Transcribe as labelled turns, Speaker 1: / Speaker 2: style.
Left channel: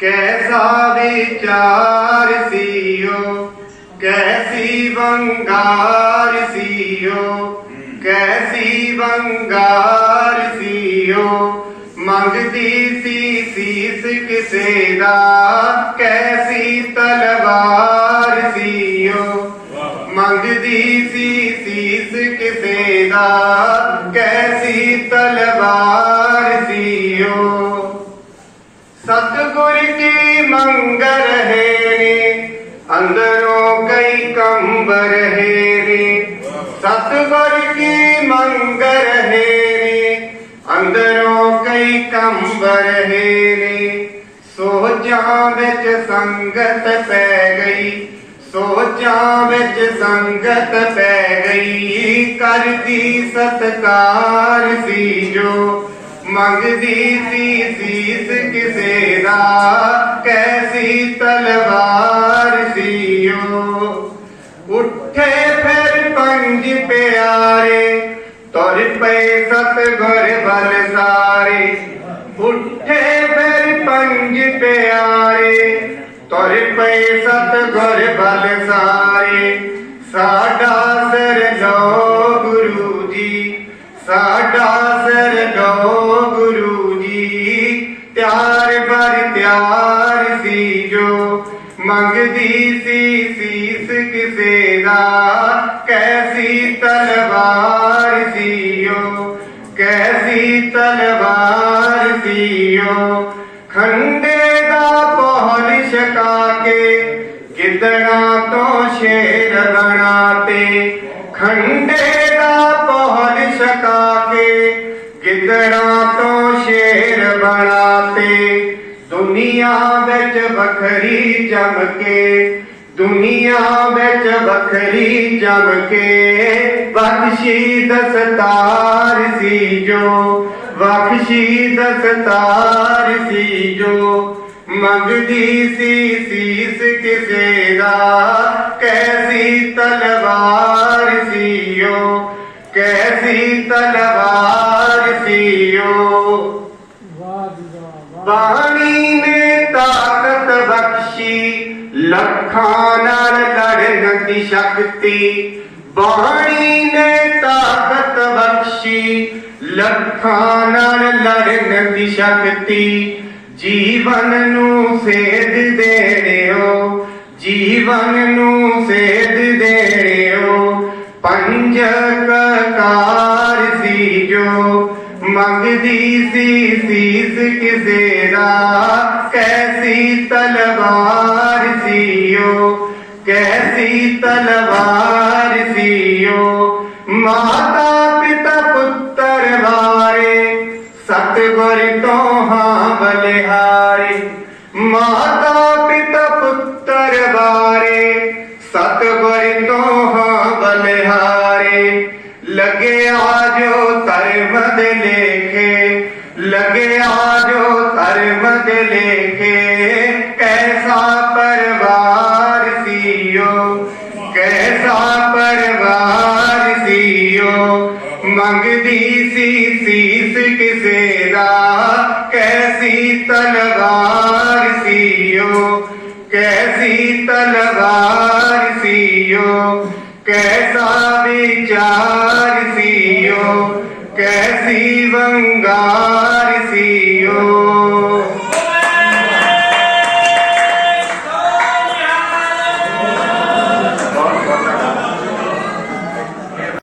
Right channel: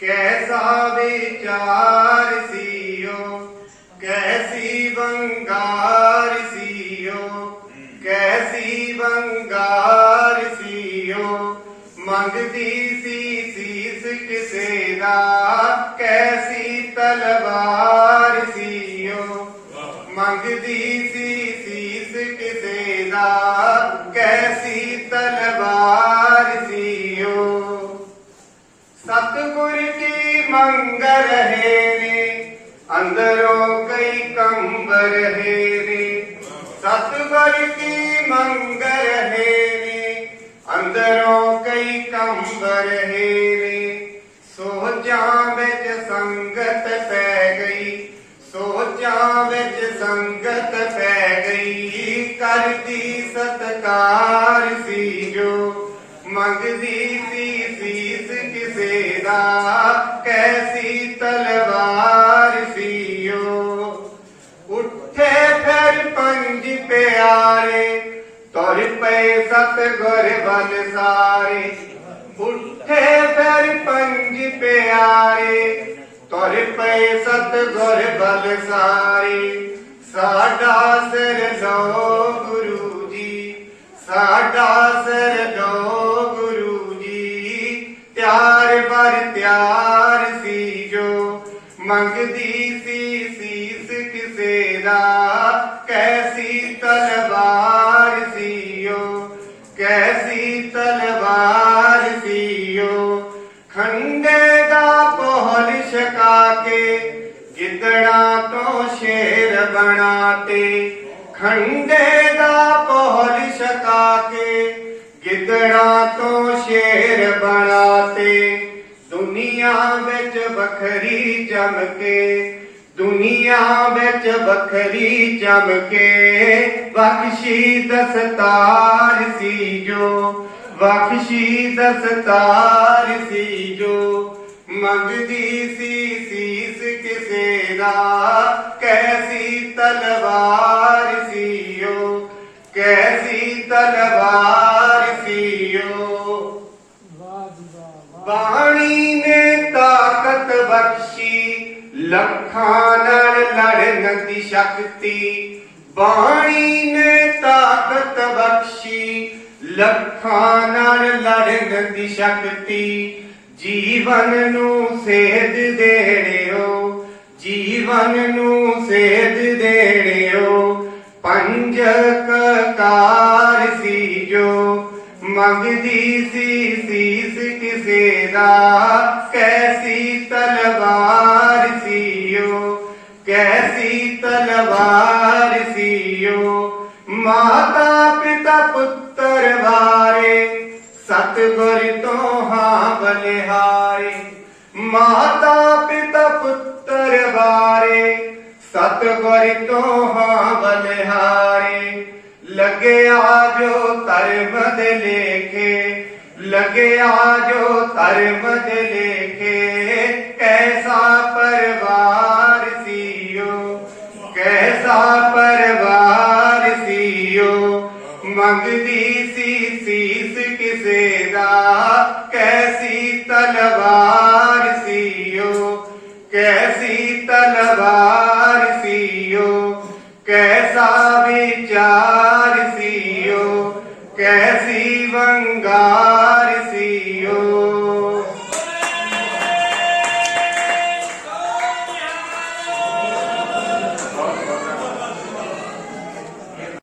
Speaker 1: ਕੈਸਾ ਵਿਚਾਰ ਸੀਓ? ਕੈਸੀ ਵੰਗਾਰ ਸੀਓ? ਕੈਸੀ ਵੰਗਾਰ ਸੀਓ? ਮੰਗਦੀ ਸੀ ਸੀਸ ਕਿਸੇ ਦਾ? ਕੈਸੀ ਤਲਵਾਰ ਸੀਓ? ਮੰਗਦੀ ਸੀ ਸੀਸ ਕਿਸੇ ਦਾ? مٹی منگ رہے اندروں کئی کمب رہے ستبر کی منگ رہے اندروں کئی کمب رہے سو جہاں بچ سنگت پہ گئی سو جہاں بچ سنگت پہ گئی کر دی ستکار سی جو منگدی سی سیس کسے دا کیسی تلوار سیو اٹھے پھر پنج پیارے تور پہ ست گر بل سارے۔ اٹھے پھر پنج پیارے تور پہ ست گر بل سارے۔ ساڈا سر لو گرو جی ساڈا سر لو مانگدی سی سیس کسے دا، کیسی تلوار سیو، کیسی تلوار سیو۔ کھنڈے دا پہل شکا کے گدڑا تو شیر بناتے۔ کھنڈے دا پہل شکا کے گدڑا تو شیر بناتے۔ ਦੁਨੀਆ ਵਿੱਚ ਵੱਖਰੀ ਜਮ ਕੇ ਦੁਨੀਆ ਵਿੱਚ ਵੱਖਰੀ ਜਮ ਕੇ ਬਖਸ਼ੀ ਦਸਤਾਰ ਸੀ ਜੋ ਬਖਸ਼ੀ ਦਸਤਾਰ ਸੀ ਜੋ ਮੰਗਦੀ ਸੀ ਸੀਸ ਕਿਸੇ ਦਾ ਕੈਸੀ ਤਲਵਾਰ ਸੀਓ ਕੈਸੀ ਤਲਵਾਰ ਸੀਓ ਵਾਹ ਜੀ ਵਾਹ ਵਾਹ ਬਾਣੀ ਨੇ ਤਾਕਤ ਬਖਸ਼ੀ ਲੱਖਾਂ ਨਾਲ ਲੜਨ ਦੀ ਸ਼ਕਤੀ ਬਾਣੀ ਨੇ ਤਾਕਤ ਬਖਸ਼ੀ, ਲੱਖਾਂ ਨਾਲ ਲੜਨ ਦੀ ਸ਼ਕਤੀ ਜੀਵਨ ਨੂੰ ਸੇਧ ਦੇ ਰਿਓ ਜੀਵਨ ਨੂੰ ਸੇਧ ਦੇ ਰਿਓ ਪੰਜ ਕਕਾਰ ਸੀ ਜੋ منگدی سی سیز کے زیرا، کیسی تلوار سیو، کیسی تلوار سیو۔ ماتا پتا پتر وارے ست گر تو ہاں بلہارے۔ ماتا پتا پتر وارے ست گر تو ہاں بلہارے۔ لگے آجو تر مد لے کے لگے آجو تر مد لے کے کیسا پروار سیو، کیسا پروار سیو منگدی سی، سیس کسے دا، کیسی تلوار